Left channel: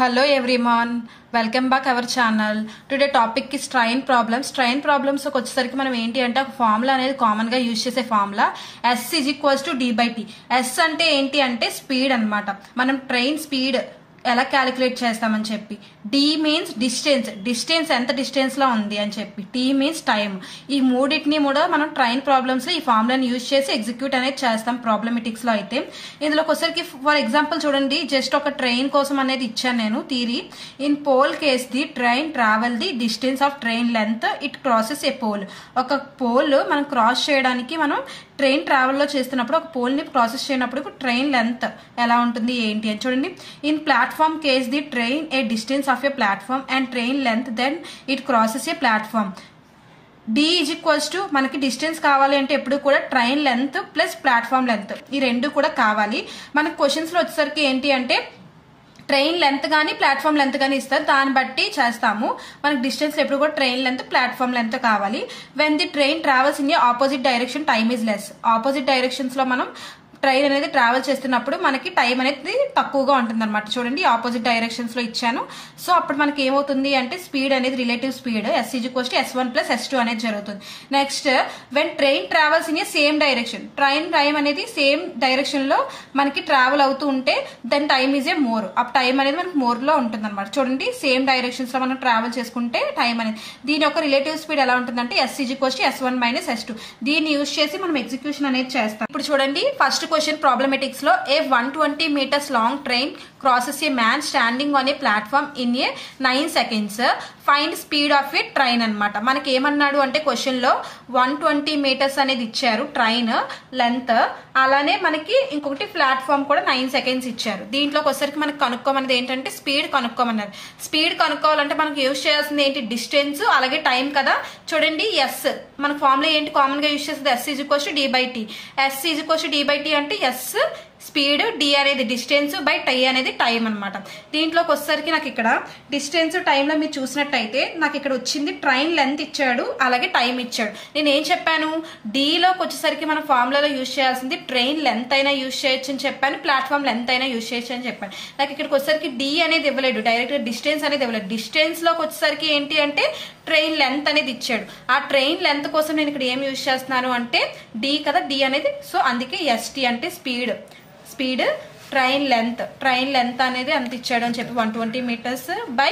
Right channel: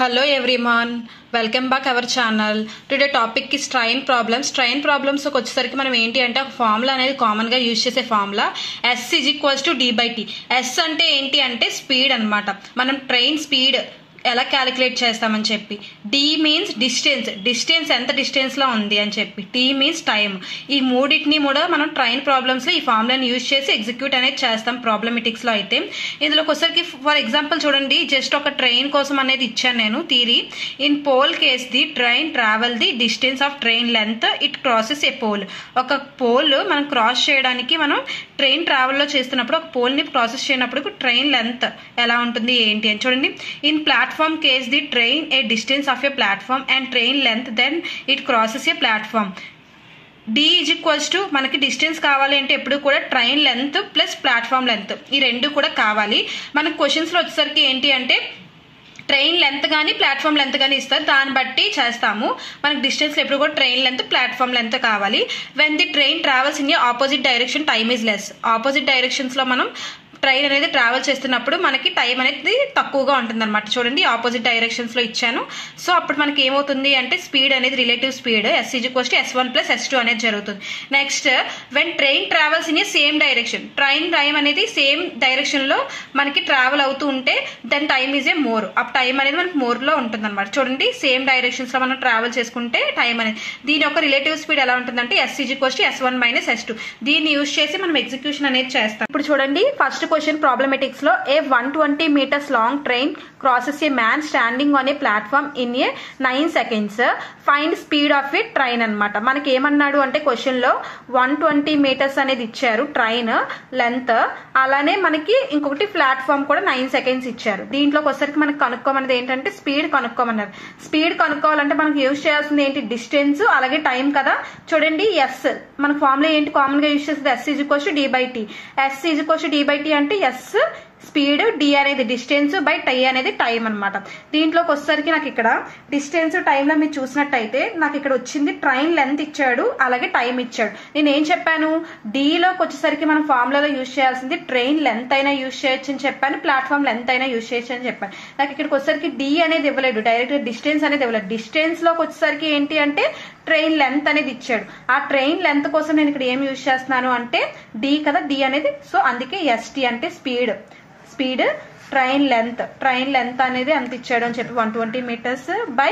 Hello everyone, welcome back our channel. Today topic is train problems. Train problems को వచ్చేసరికి మనం ఏంటి అంటే ఒక ఫార్ములా అనేది కామన్ గా యూజ్ చేసే ఫార్ములా S = d/t. S అంటే ఏంటి అంటే స్పీడ్ అన్నమాట. మనం ట్రైన్ స్పీడ్ ఎలా క్యాలిక్యులేట్ చేస్తామని చెప్పి, డి మీన్స్ డిస్టెన్స్ ఎంత డిస్టెన్స్ లో ఉంది అని చెప్పి, టీ మీన్స్ టైం. ఈ మూడింటిని కూడా మనం ట్రైన్ ప్రాబ్లమ్స్ లో ఈ ఫార్ములాని యూజ్ చేసి ఎగ్జిక్యూట్ అనేది చేస్తాం ప్రాబ్లమెటిక్స్ లో. అయితే ఇందులోకి వచ్చరికి ఫర్ ఎగ్జాంపుల్ చూడండి, జస్ట్ ఒక ట్రైన్ కోసం అనేది ఇచ్చాను నేను theory. In pole case the train travel the distance of train length it crosses a pole. ఒక పోల్ మనం క్రాస్ చేయడానికి మనం ట్రైన్ ట్రావెల్ లో చేస్తున్నప్పుడు ఒక పోల్ ని క్రాసెస్ చేయనప్పుడు ట్రైన్ లెంత్ ఎలా ఉంటుంది ఏంటి అని చూడండి. In platform case the train a distance of a platform and train length then it crosses a platform. D = మనకి డిస్టెన్స్ కావాలి అంటే ఎప్పుడు కూడా train length plus platform length ఈ రెండు కూడా కావాలి. మనకు క్వశ్చన్స్ లో వచ్చేసరికి ఏంటి అంటే ట్రైన్ లెంత్ కానీ ప్లాట్ఫామ్ లెంత్ కానీ ఇస్తారు, దాన్ని బట్టి చేస్తాము. మనకి డిస్టెన్స్ ఎప్పుడు కూడా ట్రైన్ లెంత్ ప్లాట్ఫామ్ లెంత్ కావాలి. When the train travels in opposite direction time is less. Opposite directions లో మనం ట్రైన్ అనేది ట్రావెల్ చేస్తున్నప్పుడు మనకి టైం అనేది తక్కువగా ఉంటుంది అనమాట. చూడండి ఆపోజిట్ డైరెక్షన్స్ లో ఇచ్చాను. సో అప్పుడు మనకి ఏమవుతుంది అంటే స్పీడ్ అనేది relative speed S = S1 + S2 అనేది జరుగుతుంది. Next when train travels in a same direction, time అనేది సేమ్ డైరెక్షన్ లో మనకి ట్రావెల్ అవుతూ ఉంటే then time is a more. ఆ టైం అనేది మనకి మోర్ లో ఉంటుంది అనమాట. చూడండి సేమ్ డైరెక్షన్స్ లో మనం ట్రావెల్ చేసుకుంటే టైం అనేది, దీని యొక్క రిలేటివ్ స్పీడ్ ఎలా ఉంటుందంటే S = S1 - S2. దీన్ని యూజ్ చేసి మనం ఎగ్జిక్యూషన్ అనేది చేస్తాం. ఇప్పుడు చూడండి ఫస్ట్ క్వశ్చన్ ప్రాబ్లమెటిక్స్ లో, ఏ 120 meters long train crosses A man standing on a platform in a 9 seconds. Find speed of A train అనమాట. మనకి ఏమన్నాడు అంటే క్వశ్చన్ లో 120 meters అనేది ఇచ్చారు ట్రైన్ లెంత్, అలానే మనకి ఇంకొకటి ప్లాట్ఫామ్ కూడా 9 seconds ఇచ్చారు. దీంట్లోకి వచ్చరికి మనకి కనుక్కోమన్నది ఏంటంటే స్పీడ్ కనుక్కోమన్నారు. స్పీడ్ కనుక్కోవాలంటే మనకి యూజ్ చేయాల్సింది ఏంటి, డిస్టెన్స్ అలాగే టైం కదా. చూడండి ఎస్ మన ఫార్ములా ఏంటి కామన్ గా యూజ్ చేస్తుంది, S = d/t. S = d/t అంటే ఎస్ స్పీడ్, డి అనేది డిస్టెన్స్ బై టై అనేది టైం అనమాట. దీంట్లోకి వచ్చేసరికి నాకు ఇక్కడ డిస్టెన్స్ టైంలో మీరు చూసినట్టయితే నాకు ఇక్కడ వచ్చింది ట్రైన్ లెంత్ ఇచ్చాడు అలాగే టైం ఇచ్చాడు. నేను ఏం చెప్పాను, డిలోకి వచ్చేసరికి మన ఫార్ములాలో యూజ్ చేయాల్సింది ట్రైన్ లెంత్ అయినా యూజ్ చేయొచ్చు అని చెప్పాను, ప్లాట్ఫామ్ లెంత్ అయినా యూజ్ చేయొచ్చు అని చెప్పాను. నాకు ఇక్కడికి వచ్చేసరికి డి అనేది ఇవ్వలేదు, డైరెక్ట్ డిస్టెన్స్ అనేది ఇవ్వలేదు. డిస్టెన్స్ లోకి వచ్చేసరికి ఏంటి అంటే ట్రైన్ లెంత్ అనేది ఇచ్చాడు. ఆ ట్రైన్ లెంత్ కోసం నేను ఇక్కడ ఏం యూజ్ చేస్తున్నాను అంటే డి కదా, డి అనేది. సో అందుకే ST అంటే స్పీడ్ ట్రైన్ లెంత్ అనేది ఎంత ఇచ్చాడు అని చెప్పి 120 meters బై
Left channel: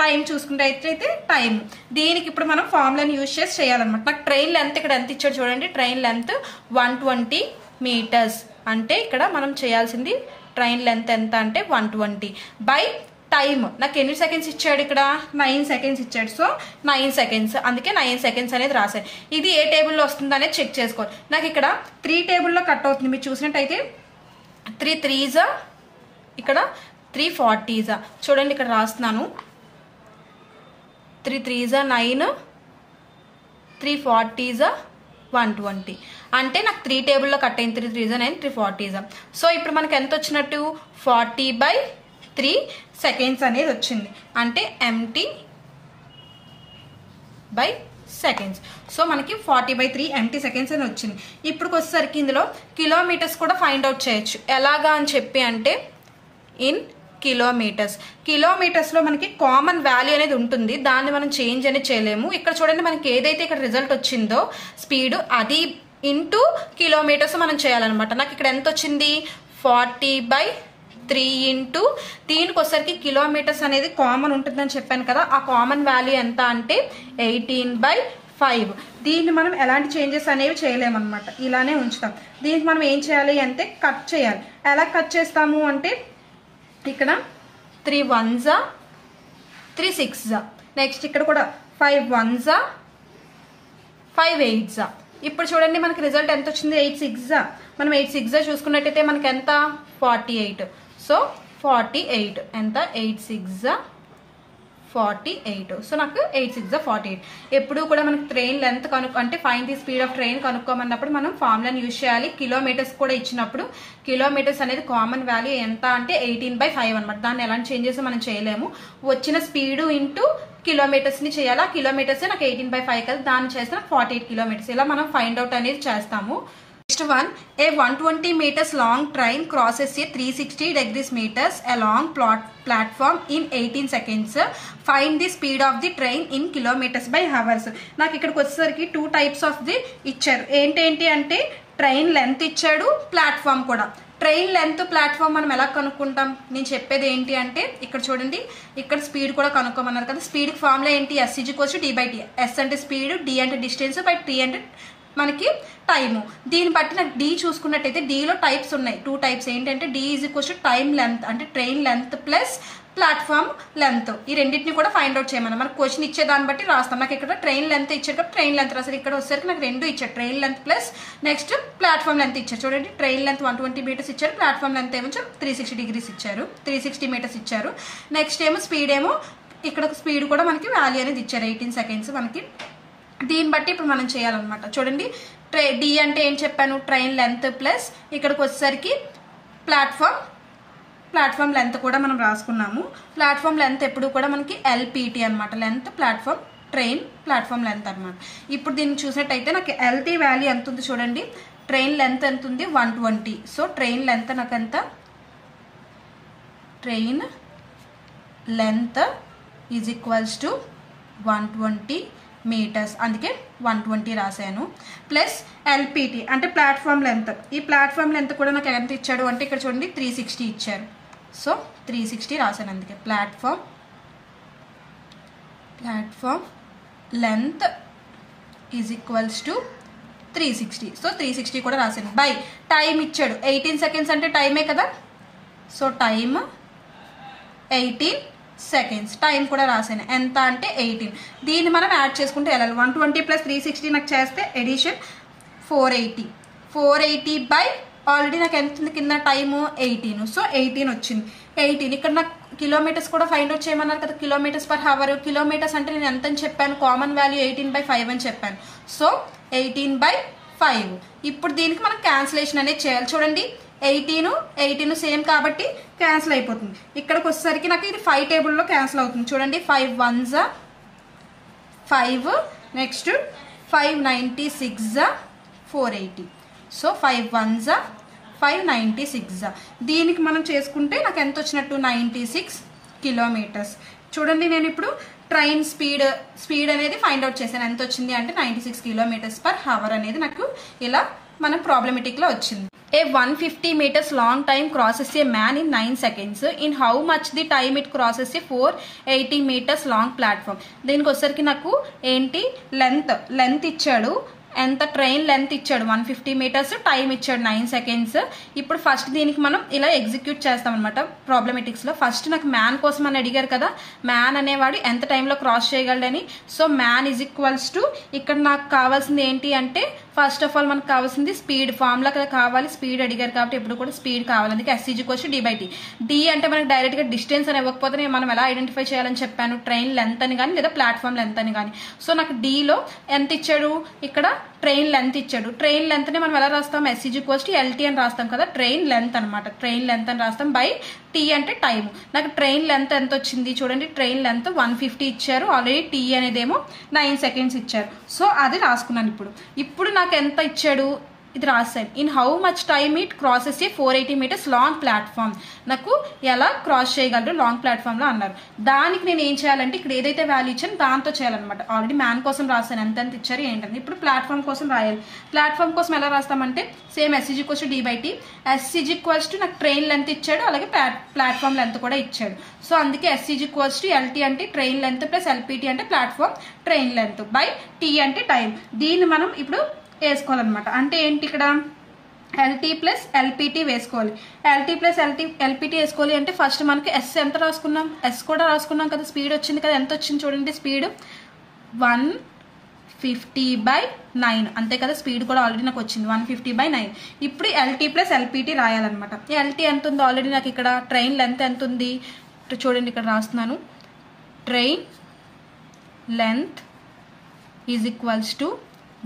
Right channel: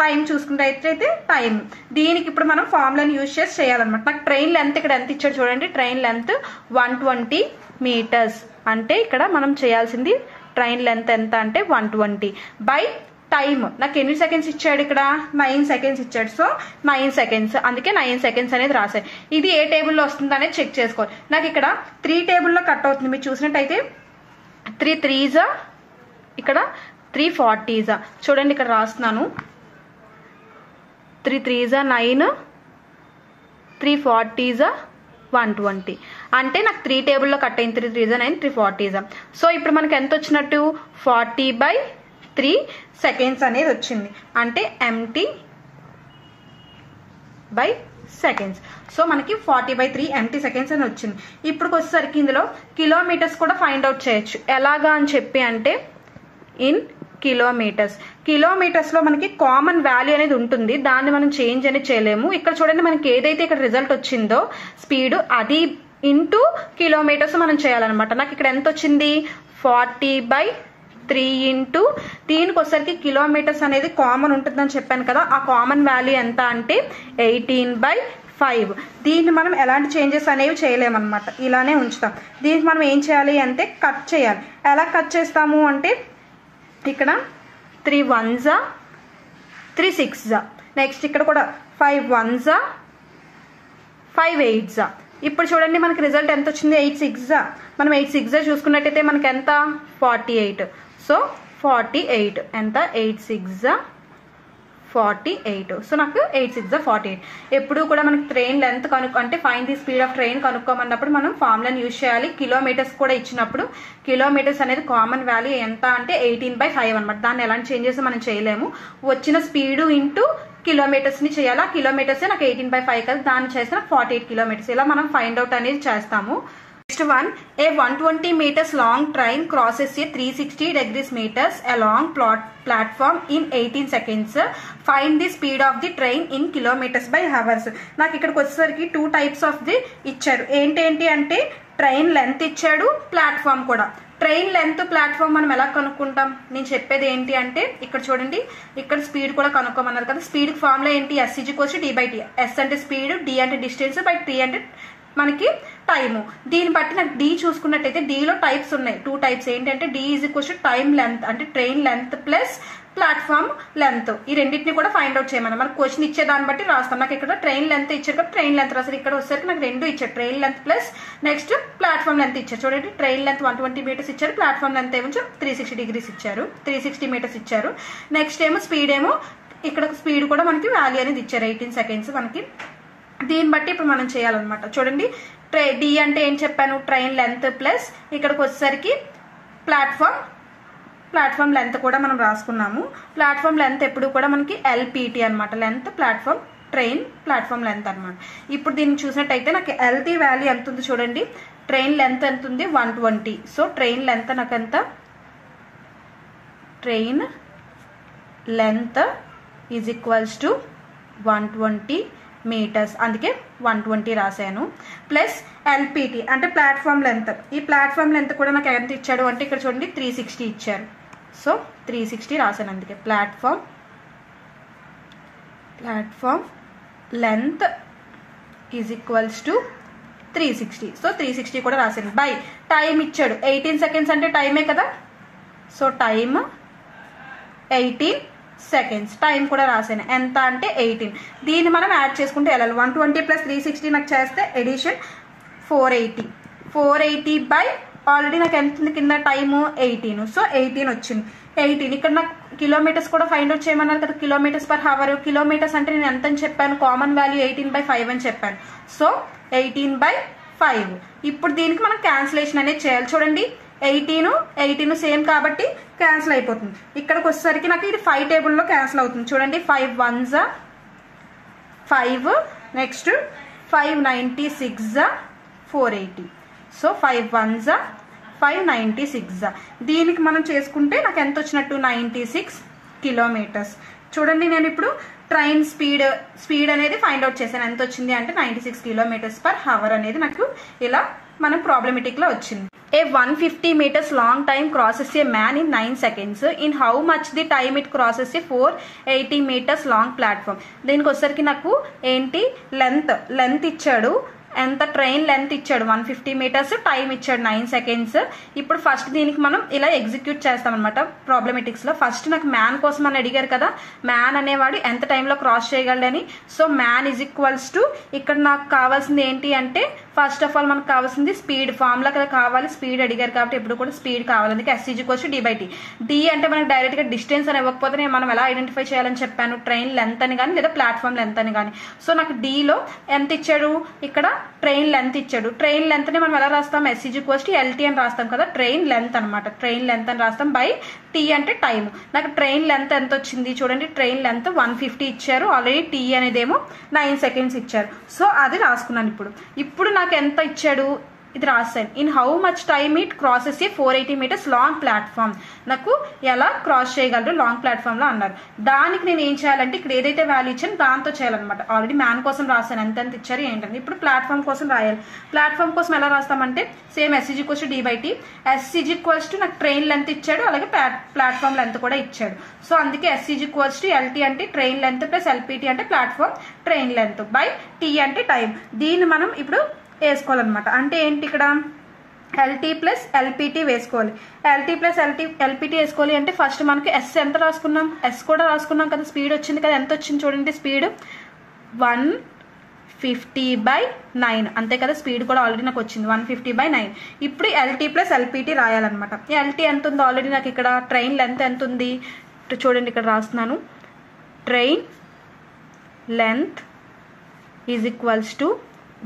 టైం చూసుకుంటే అయితే టైం. దీనికి ఇప్పుడు మనం ఫార్ములాని యూజ్ చేసి చేయాలన్నమాట. నాకు ట్రైన్ లెంత్ ఇక్కడ ఎంత ఇచ్చాడు చూడండి, ట్రైన్ లెంత్ 120 meters అంటే ఇక్కడ మనం చేయాల్సింది ట్రైన్ లెంత్ ఎంత అంటే 120 బై టైం. నాకు ఎన్ని సెకండ్స్ ఇచ్చాడు ఇక్కడ 9 seconds ఇచ్చాడు. సో 9 seconds, అందుకే 9 seconds అనేది రాశాను. ఇది ఏ టేబుల్లో వస్తుంది అనేది చెక్ చేసుకోవాలి. నాకు ఇక్కడ 3 టేబుల్లో కట్ అవుతుంది. మీరు చూసినట్టయితే 3 3s ఇక్కడ 3 40s. చూడండి ఇక్కడ రాస్తున్నాను 3 3s 9, 3 40s 120 అంటే నాకు 3 టేబుల్లో కట్ అయింది. 3 3s 9, 3 40s. సో ఇప్పుడు మనకి ఎంత వచ్చినట్టు 40/3 seconds అనేది వచ్చింది, అంటే MT బై సెకండ్స్. సో మనకి 40/3 MT seconds అని వచ్చింది. ఇప్పుడు వచ్చేసరికి ఇందులో కిలోమీటర్స్ కూడా ఫైండ్ అవుట్ చేయొచ్చు. ఎలాగా అని చెప్పి అంటే ఇన్ కిలోమీటర్స్ లో మనకి కామన్ వాల్యూ అనేది ఉంటుంది, దాన్ని మనం చేంజ్ అనేది చేయలేము. ఇక్కడ చూడండి మనకి ఏదైతే ఇక్కడ రిజల్ట్ వచ్చిందో స్పీడ్ అది ఇంటూ కిలోమీటర్స్ మనం చేయాలన్నమాట. నాకు ఇక్కడ ఎంత వచ్చింది 40/3 ఇంటూ దీనికి వచ్చరికి కిలోమీటర్స్ అనేది కామన్ ఉంటుందని చెప్పాను కదా, ఆ కామన్ వాల్యూ ఎంత అంటే 18/5. దీన్ని మనం ఎలాంటి చేంజెస్ అనేవి చేయలేమన్నమాట, ఇలానే ఉంచుతాం. దీనికి మనం ఏం చేయాలి అంటే కట్ చేయాలి. ఎలా కట్ చేస్తాము అంటే ఇక్కడ 3 1s 3 6s, నెక్స్ట్ ఇక్కడ కూడా 5 1s 5 8s. ఇప్పుడు చూడండి మనకి రిజల్ట్ ఎంత వచ్చింది 8 6s. మనం 8 6s చూసుకున్నట్టయితే మనకి ఎంత 48. సో 48 ఎంత 8 6s 48. సో నాకు 8 6s 48. ఎప్పుడు కూడా మనకి ట్రైన్ లెంత్ అంటే find the speed of train కనుక్కోమన్నప్పుడు మనం ఫార్ములాని యూజ్ చేయాలి. కిలోమీటర్స్ కూడా ఇచ్చినప్పుడు కిలోమీటర్స్ అనేది కామన్ వాల్యూ ఎంత అంటే 18/5 అనమాట. దాన్ని ఎలాంటి చేంజెస్ మనం చేయలేము. వచ్చిన స్పీడ్ ఇంటూ కిలోమీటర్స్ ని చేయాలా, కిలోమీటర్స్ నాకు 18/5 కదా, దాన్ని చేస్తే నాకు 48 kilometers. ఇలా మనం ఫైండ్ అవుట్ అనేది చేస్తాము. Next one, a 120 meters long train crosses a 360 degrees meters along platform in 18 seconds. Find the speed of the train in kilometers by hours. నాకు ఇక్కడికి వచ్చేసరికి 2 types of the ఇచ్చారు. ఏంటి అంటే ట్రైన్ లెంత్ ఇచ్చాడు, platform కూడా. ట్రైన్ లెంత్ ప్లాట్ఫామ్ మనం ఎలా కనుక్కుంటాం? నేను చెప్పేది ఏంటి అంటే ఇక్కడ చూడండి, ఇక్కడ స్పీడ్ కూడా కనుక్కోమన్నారు కదా. స్పీడ్ ఫార్ములా ఏంటి? S = d/t. S అంటే స్పీడ్, d అంటే డిస్టెన్స్, బై t అంటే మనకి టైము. దీన్ని బట్టి నాకు డి చూసుకున్నట్టయితే డిలో టైప్స్ ఉన్నాయి, 2 types. ఏంటంటే డి = టైమ్ లెంత్, అంటే train length plus platform length. ఈ రెండింటిని కూడా ఫైండ్ అవుట్ చేయమని మనకు క్వశ్చన్ ఇచ్చేదాన్ని బట్టి రాస్తాం. నాకు ఇక్కడ ట్రైన్ లెంత్ ఇచ్చారు కాబట్టి ట్రైన్ లెంత్ రాస్తారు. ఇక్కడ వచ్చేసరికి నాకు 2 ఇచ్చారు, train length plus next platform length ఇచ్చారు. చూడండి, ట్రైన్ లెంత్ 120 meters ఇచ్చారు, ప్లాట్ఫామ్ లెంత్ ఏమో 360 degrees ఇచ్చారు, 360 meters ఇచ్చారు. నెక్స్ట్ ఏమో స్పీడ్ ఏమో ఇక్కడ స్పీడ్ కూడా మనకి వాల్యూ అనేది ఇచ్చారు, 18 seconds మనకి. దీన్ని బట్టి ఇప్పుడు మనం చేయాలన్నమాట. చూడండి, డి అంటే ఏం చెప్పాను? ట్రైన్ లెంత్ ప్లస్ ఇక్కడికి వచ్చేసరికి ప్లాట్ఫామ్ లెంత్ కూడా మనం రాసుకున్నాము. ప్లాట్ఫామ్ లెంత్ ఎప్పుడు కూడా మనకి LPT అనమాట, length platform train platform length అనమాట. ఇప్పుడు దీన్ని చూసినట్టయితే నాకు LT వాల్యూ ఎంత ఉంది చూడండి, ట్రైన్ లెంత్ ఎంత ఉంది? 120. సో ట్రైన్ లెంత్ నాకు ఎంత? ట్రైన్ లెంత్ = 120 meters, అందుకే 120 రాశాను. ప్లస్ LPT అంటే ప్లాట్ఫామ్ లెంత్. ఈ ప్లాట్ఫామ్ లెంత్ కూడా నాకు ఎంత ఇచ్చాడు అంటే ఇక్కడ చూడండి 360 ఇచ్చారు. సో 360 రాశాను, అందుకే ప్లాట్ఫామ్ లెంత్ = 360. సో 360 కూడా రాశాను. బై టైం ఇచ్చాడు 18 seconds అంటే టైమే కదా. సో టైమ్ 18 seconds, టైం కూడా రాశాను. ఎంత అంటే 18. దీన్ని మనం యాడ్ చేసుకుంటే వెళ్ళాలి. 120 + 360 నాకు చేస్తే ఎడిషన్ 480 బై ఆల్రెడీ నాకు ఎంత ఉంది కింద టైము 18. సో 18 వచ్చింది. 18 ఇక్కడ నాకు కిలోమీటర్స్ కూడా ఫైండ్ అవుట్ చేయమన్నారు కదా, కిలోమీటర్స్ పర్ హవర్. కిలోమీటర్స్ అంటే నేను ఎంత అని చెప్పాను? కామన్ వాల్యూ 18/5 అని చెప్పాను. సో 18/5. ఇప్పుడు దీనికి మనం క్యాన్సిలేషన్ అనేది చేయాలి. చూడండి, 18 సేమ్ కాబట్టి క్యాన్సిల్ అయిపోతుంది. ఇక్కడికి వచ్చేసరికి నాకు ఇది 5 టేబుల్లో క్యాన్సిల్ అవుతుంది. చూడండి, 5 1s 5, నెక్స్ట్ 5 96 480. So 5 1s 596. దీనికి మనం చేసుకుంటే నాకు ఎంత వచ్చినట్టు? 96 kilometers. చూడండి, నేను ఇప్పుడు ట్రైన్ స్పీడ్ అనేది ఫైండ్ అవుట్ చేశాను. ఎంత వచ్చింది అంటే 96 km/h అనేది నాకు ఇలా మన ప్రాబ్లమెటిక్లో వచ్చింది. A 150 meters long time crosses a man in 9 seconds. In how much the time it crosses a 480 meters long platform? దీనికి వచ్చేసరికి నాకు ఏంటి? లెంత్ ఇచ్చాడు. ఎంత? ట్రైన్ లెంత్ ఇచ్చాడు 150 meters, టైం ఇచ్చాడు 9 seconds. ఇప్పుడు ఫస్ట్ దీనికి మనం ఇలా ఎగ్జిక్యూట్ చేస్తాం అనమాట ప్రాబ్లమెటిక్స్లో. ఫస్ట్ నాకు మ్యాన్ కోసం అని అడిగారు కదా, మ్యాన్ అనేవాడు ఎంత టైంలో క్రాస్ చేయగలడని. సో మ్యాన్ = ఇక్కడ నాకు కావాల్సింది ఏంటి అంటే ఫస్ట్ ఆఫ్ ఆల్ మనకు కావాల్సింది స్పీడ్. ఫార్ములా కదా కావాలి, స్పీడ్ అడిగారు కాబట్టి ఇప్పుడు కూడా స్పీడ్ కావాలి, అందుకే S = d/t. డి అంటే మనకు డైరెక్ట్గా డిస్టెన్స్ అని ఇవ్వకపోతే నేను మనం ఎలా ఐడెంటిఫై చేయాలని చెప్పాను? ట్రైన్ లెంత్ అని కానీ లేదా ప్లాట్ఫామ్ లెంత్ అని కానీ. సో నాకు డిలో ఎంత ఇచ్చాడు? ఇక్కడ ట్రైన్ లెంత్ ఇచ్చాడు. ట్రైన్ లెంత్ని మనం ఎలా రాస్తాం? S = LT అని రాస్తాం కదా, ట్రైన్ లెంత్ అనమాట. ట్రైన్ లెంత్ అని రాస్తాం బై T అంటే టైం. నాకు ట్రైన్ లెంత్ ఎంత వచ్చింది చూడండి, ట్రైన్ లెంత్ 150 ఇచ్చారు, ఆల్రెడీ T అనేదేమో 9 seconds ఇచ్చారు. సో అది రాసుకున్నాను. ఇప్పుడు నాకు ఎంత ఇచ్చాడు? ఇది రాశాను. In how much time it crosses A 480 meters long platform. నాకు ఎలా క్రాస్ చేయగలరు లాంగ్ ప్లాట్ఫామ్ లో అన్నారు. దానికి నేను ఏం చేయాలంటే ఇక్కడ ఏదైతే వాల్యూ ఇచ్చాను దాంతో చేయాలన్నమాట. ఆల్రెడీ మ్యాన్ కోసం రాశాను, ఎంత ఇచ్చారు ఏంటంటే. ఇప్పుడు ప్లాట్ఫామ్ కోసం రాయాలి. ప్లాట్ఫామ్ కోసం ఎలా రాస్తామంటే సేమ్ S = d/t. S = నాకు ట్రైన్ లెంత్ ఇచ్చాడు, అలాగే ప్లాట్ఫామ్ లెంత్ కూడా ఇచ్చాడు. సో అందుకే S = LT అంటే ట్రైన్ లెంత్ ప్లస్ LPT అంటే platform train length by T అంటే టైం. దీన్ని మనం ఇప్పుడు వేసుకోవాలన్నమాట. అంటే ఏంటి? ఇక్కడ LT + LPT వేసుకోవాలి. LT + LPT వేసుకోవాలి అంటే ఫస్ట్ మనకి S ఎంత రాసుకున్నాం? S కూడా రాసుకున్నాం కదా, స్పీడ్ వచ్చింది కదా. ఎంత వచ్చింది చూడండి, స్పీడ్ 150/9 అంతే కదా. స్పీడ్ కూడా ఆల్రెడీ నాకు వచ్చింది 150/9. ఇప్పుడు LT + LPT రాయాలన్నమాట. LT ఎంత ఉందో ఆల్రెడీ నాకు ఇక్కడ. ట్రైన్ లెంత్ ఎంత ఉంది చూడండి, ఇక్కడ రాస్తున్నాను. Train length =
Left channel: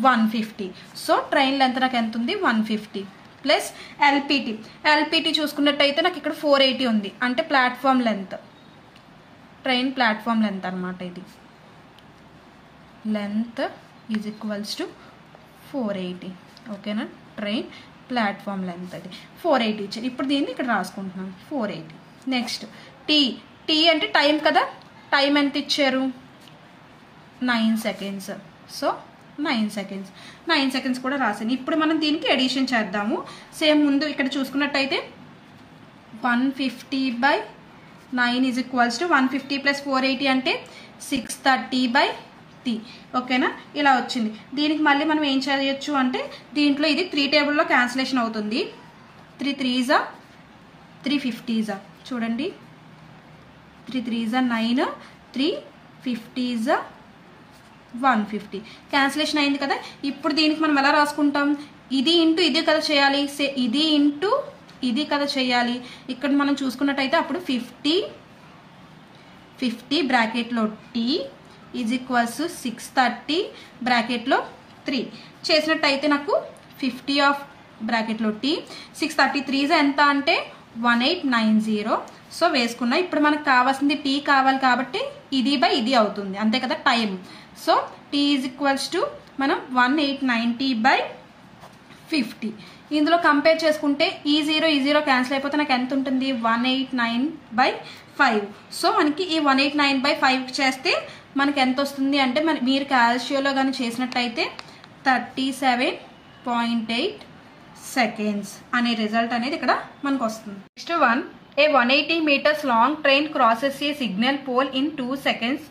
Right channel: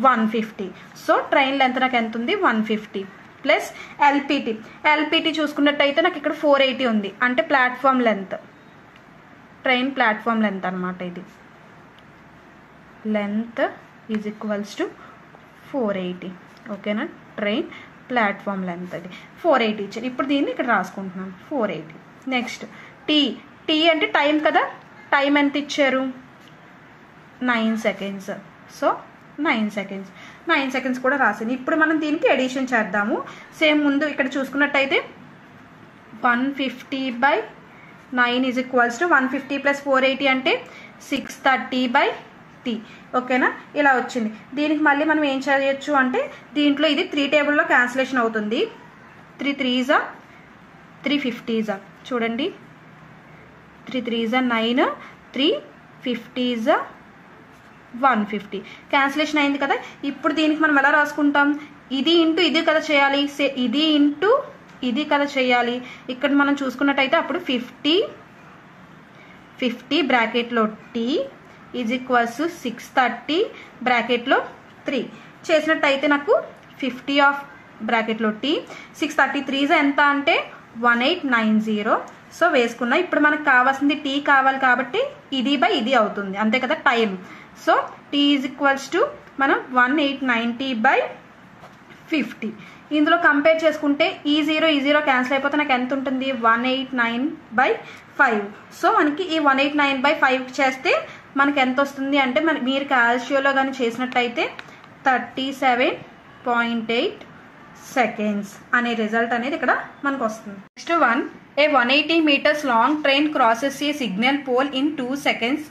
150. So train length నాకు ఎంత ఉంది? 150 ప్లస్ LPT చూసుకున్నట్టయితే నాకు ఇక్కడ 480 ఉంది, అంటే platform length, train platform length అనమాట. ఇది లెంత్ = 480. ఓకేనా? ట్రైన్ ప్లాట్ఫామ్ లెంత్ అది 480 ఇచ్చారు. ఇప్పుడు దీన్ని ఇక్కడ రాసుకుంటున్నాను 480. నెక్స్ట్ టీ అంటే టైం కదా, టైం ఎంత ఇచ్చారు 9 సెకండ్స్. సో 9 సెకండ్స్ కూడా రాసాను. ఇప్పుడు మనం దీనికి ఎడిషన్ చేద్దాము. సేమ్ ముందు ఇక్కడ చూసుకున్నట్టయితే 150/9 ఈజ్ ఈక్వల్స్ టు 150 + 480 అంటే 630/t. ఓకేనా, ఇలా వచ్చింది. దీనికి మళ్ళీ మనం ఏం చేయొచ్చు అంటే దీంట్లో ఇది 3 టేబుల్లో క్యాన్సిలేషన్ అవుతుంది. 3 3s 350s చూడండి, 3 3s 9, 3 50s 150 క్యాన్సిలేషన్ అయింది కదా. ఇప్పుడు దీనికి మనం ఎలా రాసుకుంటాం, ఇది ఇంటూ ఇది కదా చేయాలి, ఇది ఇంటూ ఇది కదా చేయాలి. ఇక్కడ మనం చూసుకున్నట్టయితే అప్పుడు 50 బ్రాకెట్లో t ఈజ్ ఈక్వల్స్ 630 బ్రాకెట్లో 3 చేసినట్టయితే నాకు 50 ఆఫ్ బ్రాకెట్లో t 633 ఎంత అంటే 1890. సో వేసుకున్నా. ఇప్పుడు మనకు కావాల్సింది t కావాలి కాబట్టి ఇది బై ఇది అవుతుంది, అంతే కదా time. So t is equals to మనం 1890/50. ఇందులో కంపేర్ చేసుకుంటే ఈ 0 క్యాన్సిల్ అయిపోతే నాకు ఎంత ఉంటుంది 189/5. సో మనకి ఈ 189/5 చేస్తే మనకి ఎంత వస్తుంది అంటే మీరు క్యాల్షియోలో కానీ చేసినట్టయితే 37.8 సెకండ్స్ అనే రిజల్ట్ అనేది ఇక్కడ మనకు వస్తుంది. Next one, A 180 meters long train crosses a signal pole in 2 seconds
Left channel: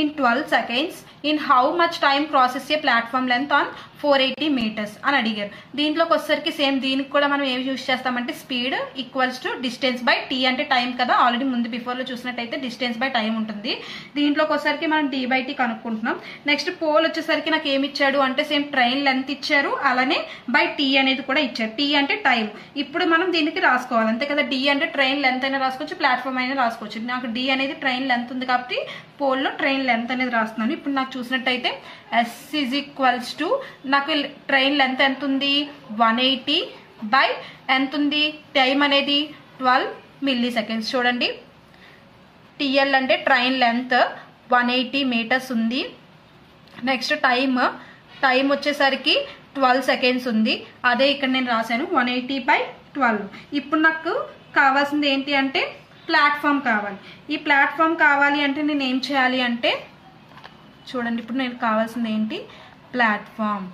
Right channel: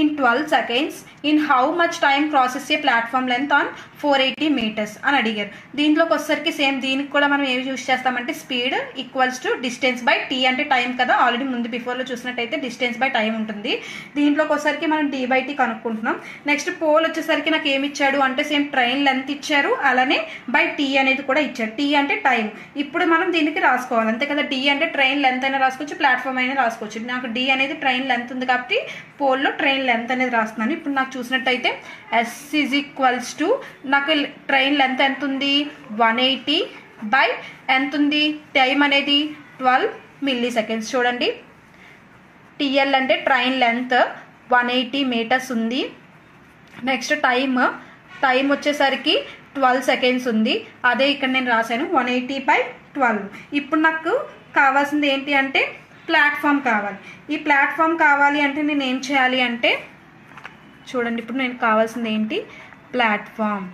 in 12 seconds. In how much time crosses a platform length on 480 meters అని అడిగారు. దీంట్లోకి వచ్చేసరికి సేమ్ దీనికి కూడా మనం ఏమి యూజ్ చేస్తామంటే speed equals to distance by T అంటే టైం కదా, ఆల్రెడీ ముందు బిఫోర్లో చూసినట్టయితే డిస్టెన్స్ బై టైం ఉంటుంది. దీంట్లోకి వచ్చేసరికి మనం d/t కనుక్కుంటున్నాం. నెక్స్ట్ పోల్ వచ్చేసరికి నాకు ఏమి ఇచ్చాడు అంటే సేమ్ ట్రైన్ లెంత్ ఇచ్చారు, అలానే బై టీ అనేది కూడా ఇచ్చారు. టీ అంటే టైం. ఇప్పుడు మనం దీనికి రాసుకోవాలి, అంతే కదా. డి అంటే ట్రైన్ లెంత్ అయినా రాసుకోవచ్చు, ప్లాట్ఫామ్ అయినా రాసుకోవచ్చు. నాకు డి అనేది ట్రైన్ లెంత్ ఉంది కాబట్టి పోల్లో ట్రైన్ లెంత్ అనేది రాస్తున్నాను. ఇప్పుడు నాకు చూసినట్టయితే s ఈజ్ ఈక్వల్స్ టు నాకు ట్రైన్ లెంత్ ఎంత ఉంది 180 బై ఎంత ఉంది టైం అనేది 12 milliseconds. చూడండి, టిఎల్ అంటే ట్రైన్ లెంత్ 180 meters ఉంది. నెక్స్ట్ టైం వచ్చేసరికి 12 seconds ఉంది. అదే ఇక్కడ నేను రాశాను 180/12. ఇప్పుడు నాకు కావాల్సింది ఏంటి అంటే ప్లాట్ఫామ్ కావాలి. ఈ ప్లాట్ఫామ్ కావాలి అంటే నేను ఏం చేయాలి అంటే చూడండి, ఇప్పుడు నేను కావాల్సింది ఏంటి ప్లాట్ఫామ్.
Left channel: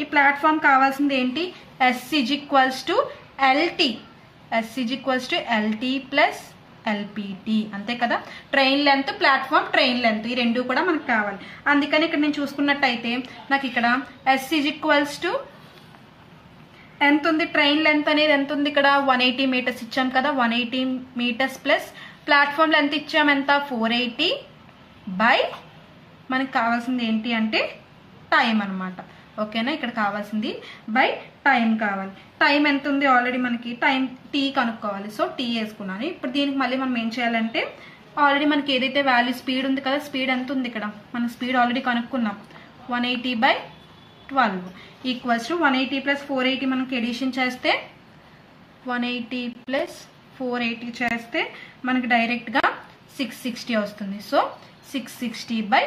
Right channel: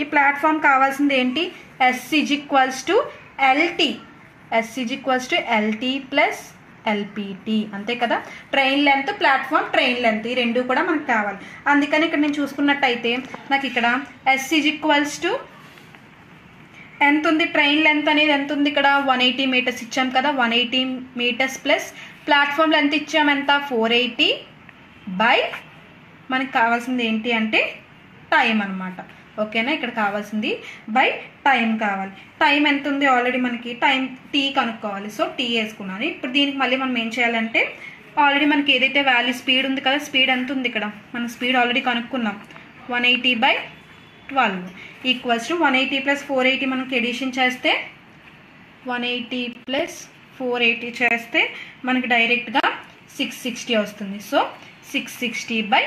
ఈ ప్లాట్ఫామ్ కావాల్సింది ఏంటి s is equals to LT. s is equals to LT plus LPT, అంతే కదా. Train length platform train length ఈ రెండు కూడా మనకు కావాలి. అందుకని ఇక్కడ నేను చూసుకున్నట్టయితే నాకు ఇక్కడ s ఈజ్ ఈక్వల్స్ టు ఎంత ఉంది ట్రైన్ లెంత్ అనేది ఎంత ఉంది ఇక్కడ 180 meters ఇచ్చాం కదా. 180 meters ప్లస్ ప్లాట్ఫామ్ లెంత్ ఇచ్చాం ఎంత 480 బై మనకి కావాల్సింది ఏంటి అంటే టైం అనమాట. ఓకేనా, ఇక్కడ కావాల్సింది బై టైం కావాలి. టైం ఎంత ఉంది ఆల్రెడీ మనకి టైం టీ కనుక్కోవాలి. సో టీ వేసుకున్నాను. ఇప్పుడు దీనికి మళ్ళీ మనం ఏం చేయాలంటే ఆల్రెడీ మనకి ఏదైతే వాల్యూ స్పీడ్ ఉంది కదా, స్పీడ్ ఎంత ఉంది ఇక్కడ మనం స్పీడ్ ఆల్రెడీ కనుక్కున్నాం 180/12 ఈక్వల్స్ టు 180 + 480 మనకి ఎడిషన్ చేస్తే 180 + 480 చేస్తే మనకి డైరెక్ట్గా 660 వస్తుంది. సో 660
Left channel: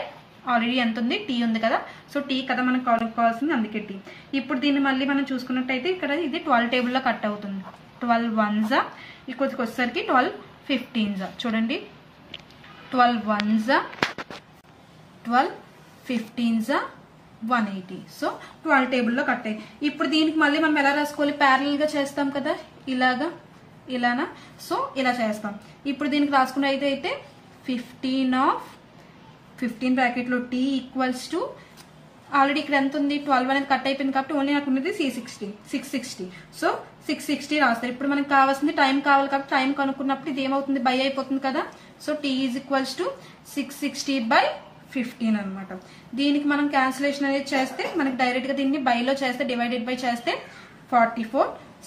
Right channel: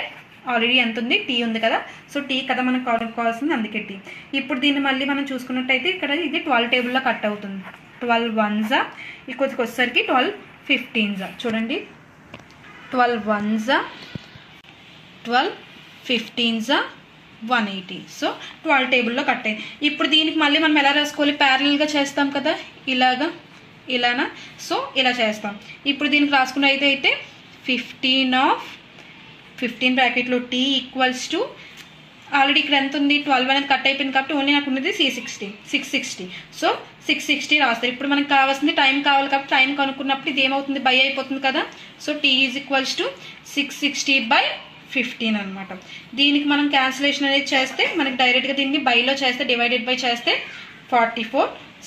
ఆల్రెడీ ఎంత ఉంది టీ ఉంది కదా. సో టీ కదా మనకు కనుక్కోవాల్సింది, అందుకే టీ. ఇప్పుడు దీన్ని మళ్ళీ మనం చూసుకున్నట్టయితే ఇక్కడ ఇది 12 టేబుల్లో కట్ అవుతుంది. 12 1s ఇక్కడికి వచ్చేసరికి 12 15s. చూడండి, 12 1s 12 15s 180. సో 12 టేబుల్లో కట్ అయ్యింది. ఇప్పుడు దీనికి మళ్ళీ మనం ఎలా రాసుకోవాలి, ప్యారలల్గా చేస్తాం కదా, ఇలానా. సో ఇలా చేస్తాం. ఇప్పుడు దీనికి రాసుకున్న అయితే 15 బ్రాకెట్లో టీ ఈక్వల్స్ టు ఆల్రెడీ ఇక్కడ ఎంత ఉంది 12 అనేది కట్ అయిపోయింది కాబట్టి ఓన్లీ నాకు ఉన్నది 660. సో 660 రాస్తారు. ఇప్పుడు మనకు కావాల్సింది టైం కావాలి కాబట్టి టైం కనుక్కున్నప్పుడు ఇది ఏమవుతుంది బై అయిపోతుంది కదా. So T is equals to 660/15 అనమాట. దీనికి మనం క్యాన్సిలేషన్ అనేది చేస్తే మనకి డైరెక్ట్గా దీన్ని బైలో చేస్తే డివైడెడ్ బై చేస్తే 44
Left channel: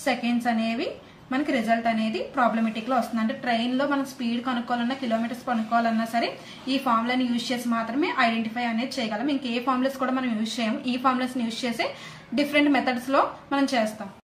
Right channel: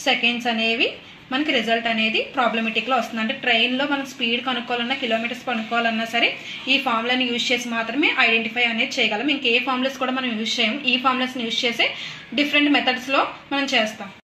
seconds అనేవి మనకి రిజల్ట్ అనేది ప్రాబ్లమెటిక్లో వస్తుంది. అంటే ట్రైన్లో మనం స్పీడ్ కనుక్కోవాలన్నా కిలోమీటర్స్ కనుక్కోవాలన్నా సరే ఈ ఫార్ములాని యూజ్ చేసి మాత్రమే ఐడెంటిఫై అనేది చేయగలం. ఇంకే ఫార్ములాస్ కూడా మనం యూజ్ చేయం. ఈ ఫార్ములాస్ని యూజ్ చేసే డిఫరెంట్ మెథడ్స్లో మనం చేస్తాం.